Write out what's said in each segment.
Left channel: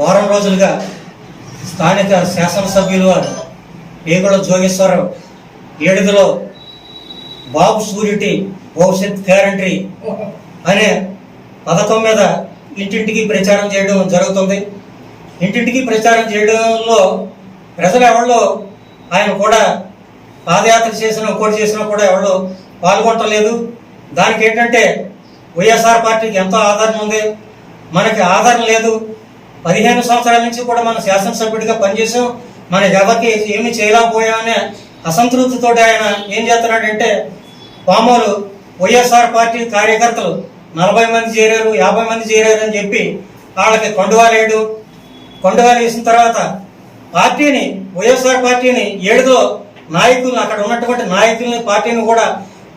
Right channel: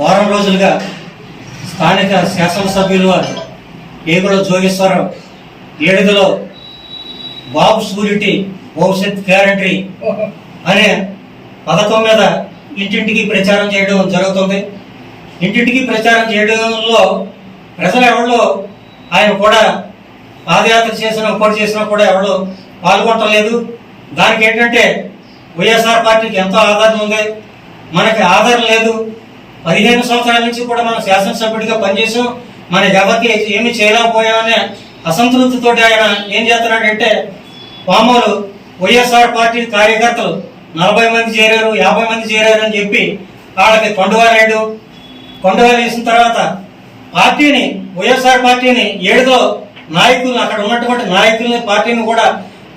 వారం రోజులుగా స్థానిక శాసనసభ్యులు వారు ఏగుల జోగేశ్వరరావు ఏడుగులో బాబు షూరిటీ భవిష్యత్ గ్యారంటీ అనే పథకం మీద ఇంటింటికి ప్రచారం చేయడం జరుగుతుంది. ఇంటింటికి ప్రచారం చేయడంలో ప్రజలు ఎవరిలో ఆయన కూడా పాదయాత్ర చేసినా కూడా ఎవరు పాల్గొనలేదు. దానికి ఏంటంటే వైఎస్ఆర్ పార్టీకి ఎంతో ఆదరణ ఉంది, మనకి ఆదరణ లేదు. 15 సంవత్సరాల నుంచి కూడా మనం శాసనసభ్యుడిగా పనిచేసాం, మన ఎవరికి ఏమీ చేయలేకపోయామనే అసంతృప్తితో ఆయన ఏం చేస్తున్నాడంటే పామాలు వైఎస్ఆర్ పార్టీ కార్యకర్తలు 40 మంది చేరారు, 50 మంది చేరారు అని చెప్పి వాళ్ళకి కొండవాలేడు. కొండవాలు వేసిన తర్వాత పార్టీని వైఎస్ఆర్ పార్టీని ఏడుదో నాయకులు అక్కడ ఉన్నటువంటి నాయకుల్ని పార్టీని కూడా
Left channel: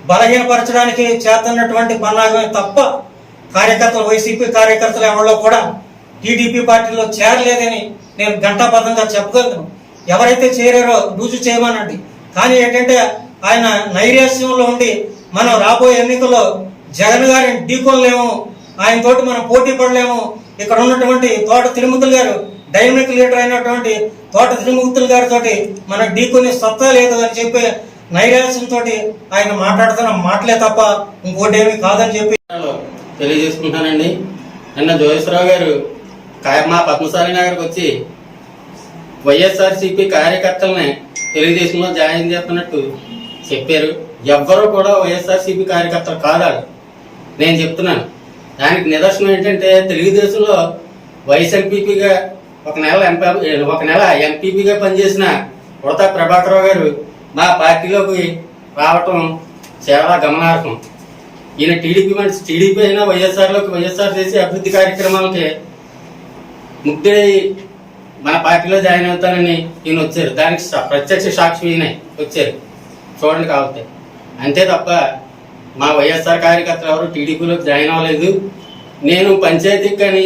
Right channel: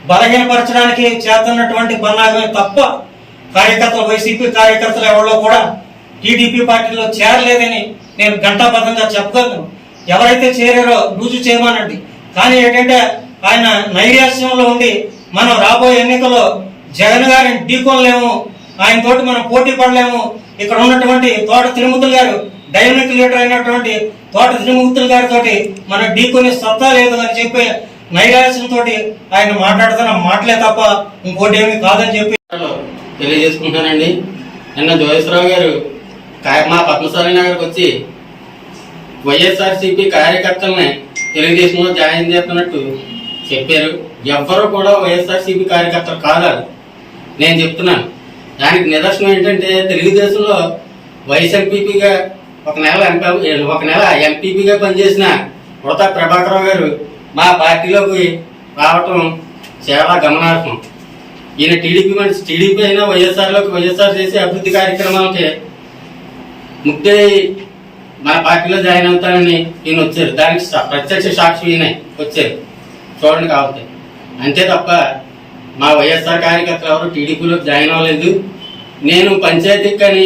బలహీనపరచడానికి చేస్తున్నటువంటి పన్నాగమే తప్ప కార్యకర్తలు వైసీపీ కార్యకర్తలు ఎవరిలో కూడా టీడీపీ పార్టీలో చేరలేదని నేను ఘంటాబద్ధంగా చెప్పగలను. ఎవరైతే చేరారో రుజువు చేయమనండి. కానీ ఏంటంటే ఆయన నైరాశ్యంలో ఉండి మనం రాబోయే ఎన్నికల్లో జగన్ గారిని ఢీకొనలేము, ఆయన తోటి మనం పోటీ పడలేము. ఇక్కడ ఉన్నటువంటి తోట తిరుమతులు గారు డైనమిక్ లీడర్ అయినటువంటి తోట తిరుమతులు గారితో మనం ఢీకొనే సత్తా లేదు అని చెప్పి నైరాశ్యంతో ఆయన మాట్లాడుతున్న మాటలే తప్ప ఇంకోటి ఏమీ కాదని చెప్పి తెలియజేసుకుంటానండి. నిన్న జోగేశ్వరరావు గారు మా పద్మశాలి నగర్కి వచ్చి వైఎస్ఆర్సీపీ కార్యకర్తలని తెలుగుదేశంలో జాయిన్ చేస్తున్నట్టు చెప్పారు. ఎవ్వరూ కూడా వైఎస్ఆర్సీపీ కార్యకర్తలు కాదు, నేను చెప్తున్నాను. దానికి నిదర్శనం ఏంటంటే తెలుగుదేశంలో వైస్ ఎంపీపీగా ఒక నెల ఎంపీపీగా పనిచేసిన ఉడతా ప్రభాకరరావు గారు మా పార్టీలోకి రావటం చాలా గమనార్హం. ఈయన టీడీపీ అయినా వైఎస్ఆర్ చేసే అభివృద్ధి కార్యక్రమాలకి ముగ్దే మన పార్టీలో జాయిన్ అవుతానని ఈయన వచ్చారు. దానికి ప్రత్యక్ష సాక్షి ఈయన వచ్చారు, చూడండి కాబట్టి. అంతే తప్ప మా వైఎస్ఆర్ కార్యకర్తలు ఎవరు టీడీపీలోకి జాయిన్ అవ్వలేదు. నేను పంచాయతీకి కానీ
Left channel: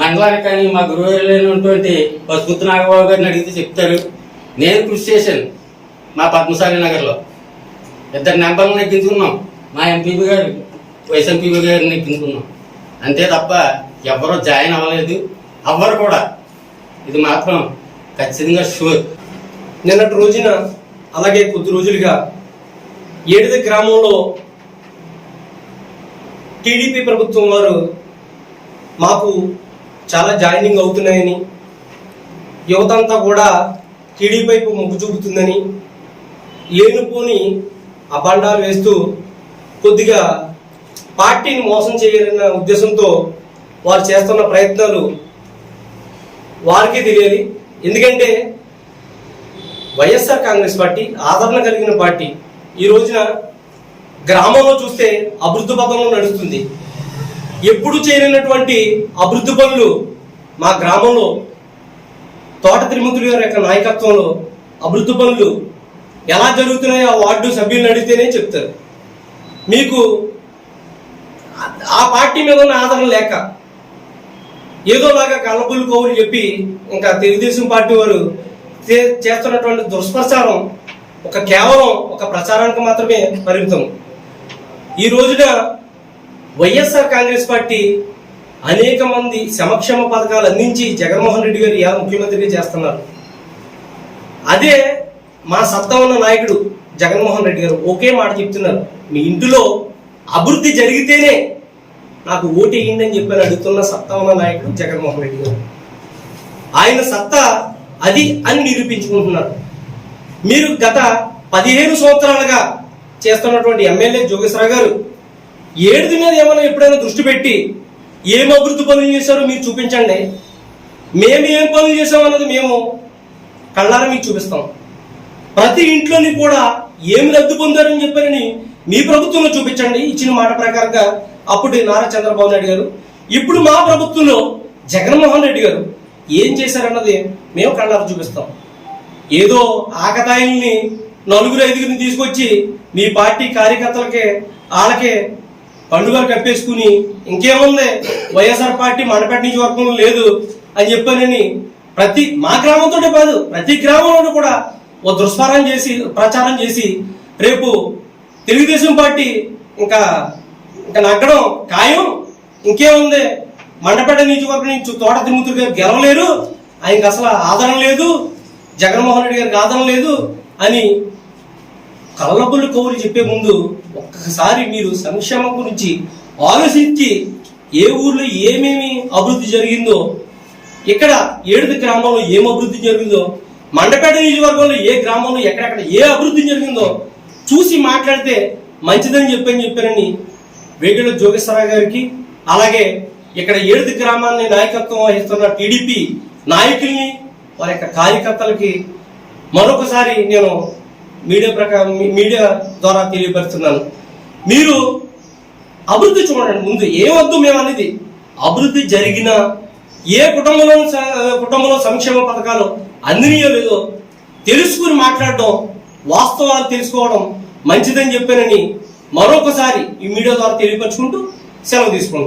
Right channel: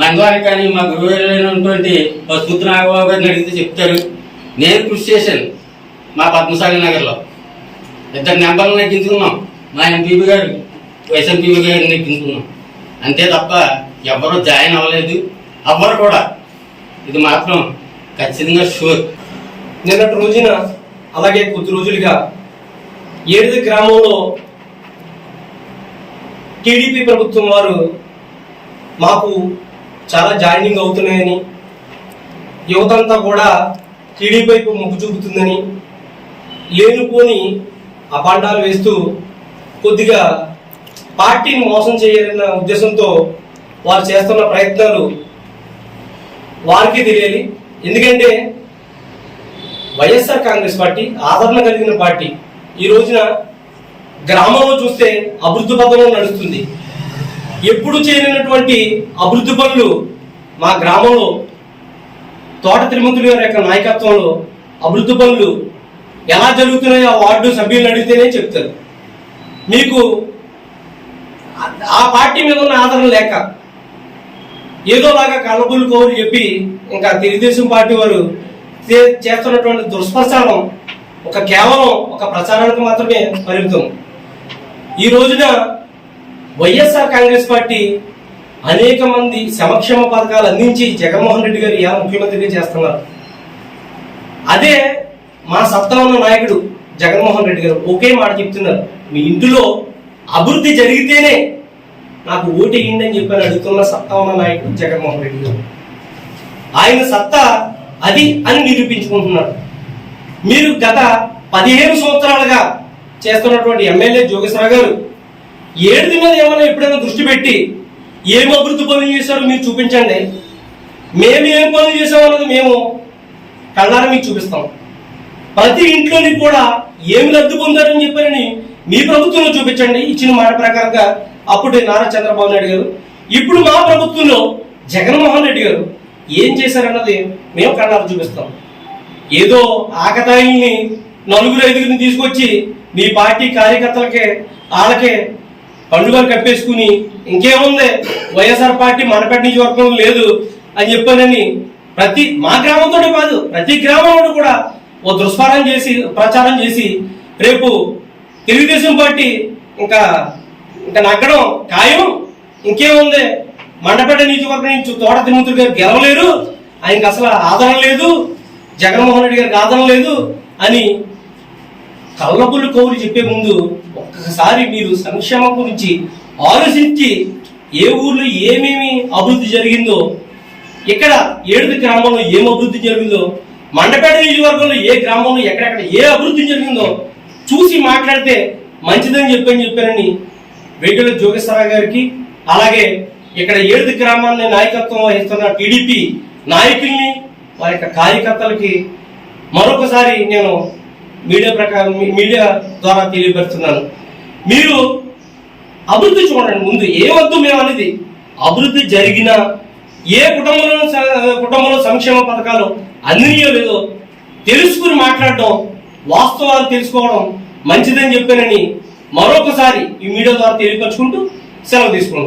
మండలానికి కానీ మా గురువులైనటువంటి పసుపుత్తి నాగబాబు గారిని అడిగితే చెప్తారు. నేను కృషి చేశాను మా పద్మశాలి నగర్లో, 2 నెంబర్లు నెగ్గించుకున్నాం. మా ఎంపీపీ గారు వైస్ ఎంపీపీ గారిని నెగ్గించుకున్నాం. అంతే తప్ప ఎవరూ జాయిన్ అవ్వలేదు, అవ్వరు కూడా. ఇది మాత్రం ఖచ్చితంగా షూర్. నిన్నటి రోజున అలాగే కొద్ది రోజులుగా ఏడుది గ్రామంలో టీడీపీ ప్రభుత్వం వారు మాకు చాలా జాయినింగ్ అవుతున్నాయని, యువతంతా కూడా టీడీపీ వైపు మొగ్గు చూపుతుందని ఏనుకోని అబాండాలు వేస్తూ కొద్దిగా పార్టీని మోసం చేయాలన్న ఉద్దేశంతో వారు చేస్తున్న ప్రయత్నాలు వారికి తెలియాలి. ఎందుకంటే వైఎస్ఆర్ కాంగ్రెస్ పార్టీ ఆదరణ కలిగిన పార్టీ. ఈ రోజున గ్రామంలో చూస్తే అభివృద్ధి పథంలో నడుస్తుంది. ఎప్పుడు చేయనటువంటి అభివృద్ధి పనులు మా గ్రామంలో తోట తిరుమతులు గారి యొక్క నాయకత్వంలో అభివృద్ధి పనులు ఎలా జరుగుతున్నాయో ఆ వార్డు సభ్యులను అడిగితేనే చెప్తారు. మీకు ఆ పార్టీ మీద ఉన్న ఆదరణ లేక ఏదోలాగా కళ్ళబుల్లు కౌలు చెప్పి ఇంకా తెలుగుదేశం పార్టీ వారు చేస్తున్నటువంటి దుష్ప్రచారం కేవలం ఒక ప్రచారానికి మాత్రమే పరిమితం. ఈ రోజున వైఎస్ఆర్ కాంగ్రెస్ పార్టీ అనేక మంది సంక్షేమ పథకాలు అందించి జగన్మోహన్ రెడ్డి గారు ఎలా ముఖ్యమంత్రిగా చేస్తున్నారు. అదే మా సత్తా ఉన్న నాయకుడు జగన్మోహన్ రెడ్డి గారు ఒకే మాట చెప్తున్నారు, మీ ఇంటిలో అభివృద్ధి జరిగితేనే నాకు ఓటేయండి అని చెప్పి అడుగుతున్న సత్తా ఉన్న నాయకుడు జగన్మోహన్ రెడ్డి గారు. ఆయన సత్తా అది అని నిరూపించుకుంటున్నారు. మీరు గత 15 సంవత్సరాలుగా చేస్తున్నటువంటి ఎమ్మెల్యే జోగేశ్వరరావు గారు ఏడుది మీద ఏమైనా ఎప్పుడైనా దృష్టి పెట్టి ఏం అభివృద్ధి పనులు చేశారో మీరు చూపించండి. మేము ఏం పనులు చేసామన్నది మేము కళ్ళారా మీకు చూపిస్తాం. ప్రతి ఇంట్లోని కూడా ఏమి లబ్ధి పొందారని చెప్పారని మీ ప్రభుత్వంలో చూపించండి. ఇచ్చిన మాట ప్రకారంగా అప్పుడు నారా చంద్రబాబు నాయుడు గారు, ఇప్పుడు మా ప్రభుత్వంలో జగన్మోహన్ రెడ్డి గారు ఏం చేశారన్నది మేము కళ్ళారా చూపిస్తాం. ఏదో ఆకతాయిల్ని 4-5 తీసుకొచ్చి మీ పార్టీ కార్యకర్తలకే వాళ్ళకే పండుగలు కప్పేసుకుని ఇంకేముంది వైఎస్ఆర్ పార్టీ మనపేట నియోజకవర్గం లేదు అని చెప్పానని మా గ్రామంతో కాదు ప్రతి గ్రామంలో కూడా ఓ ప్రచారం చేసి రేపు తెలుగుదేశం పార్టీ ఇంకా నగ్గడం ఖాయం, ఇంకేముంది మండపేట నియోజకవర్గం నుంచి తోట తిరుమూర్తి గారు గెలవలేరు, ఆయనకి అసలు ఆదరణ లేదు, జగన్మోహన్ రెడ్డి గారికి ఆదరణ లేదు అని కళ్ళబుల్లి కౌలు చెప్పే ముందు ఒక్కసారి మీరు సంక్షేమం గురించి ఆలోచించి ఏ ఊర్లో ఏమేమి అభివృద్ధి జరిగిందో, ఇక్కడ ఏడుది గ్రామంలో ఏం అభివృద్ధి జరిగిందో, మండపేట నియోజకవర్గంలో ఏ గ్రామంలో ఎక్కడెక్కడ ఏ అభివృద్ధి జరిగిందో చూసి మాట్లాడితే మంచిదని చెప్పారని వేటూరి జోగేశ్వరరావు గారికి, అలాగే ఇక్కడ ఏడుది గ్రామాన్ని నాయకత్వం వహిస్తున్న టీడీపీ నాయకుల్ని, వారి యొక్క కార్యకర్తలకి మరొకసారి నేను మీడియా ద్వారా తెలియపరుస్తున్నాను. మీరు అభివృద్ధి చూడండి. ముందు ఏమొద్దు మేము అనేది, అభివృద్ధి జరిగిన ఏ కుటుంబంలో సంక్షేమ పథకాలు అందినయో లేదో తెలుసుకుని మాట్లాడడం, వాస్తవాలు తెలుసుకోవడం మంచిదని చెప్పానని మరొకసారి ఈ మీడియా ద్వారా తెలియపరుచుకుంటూ సెలవు తీసుకుంటున్నాను.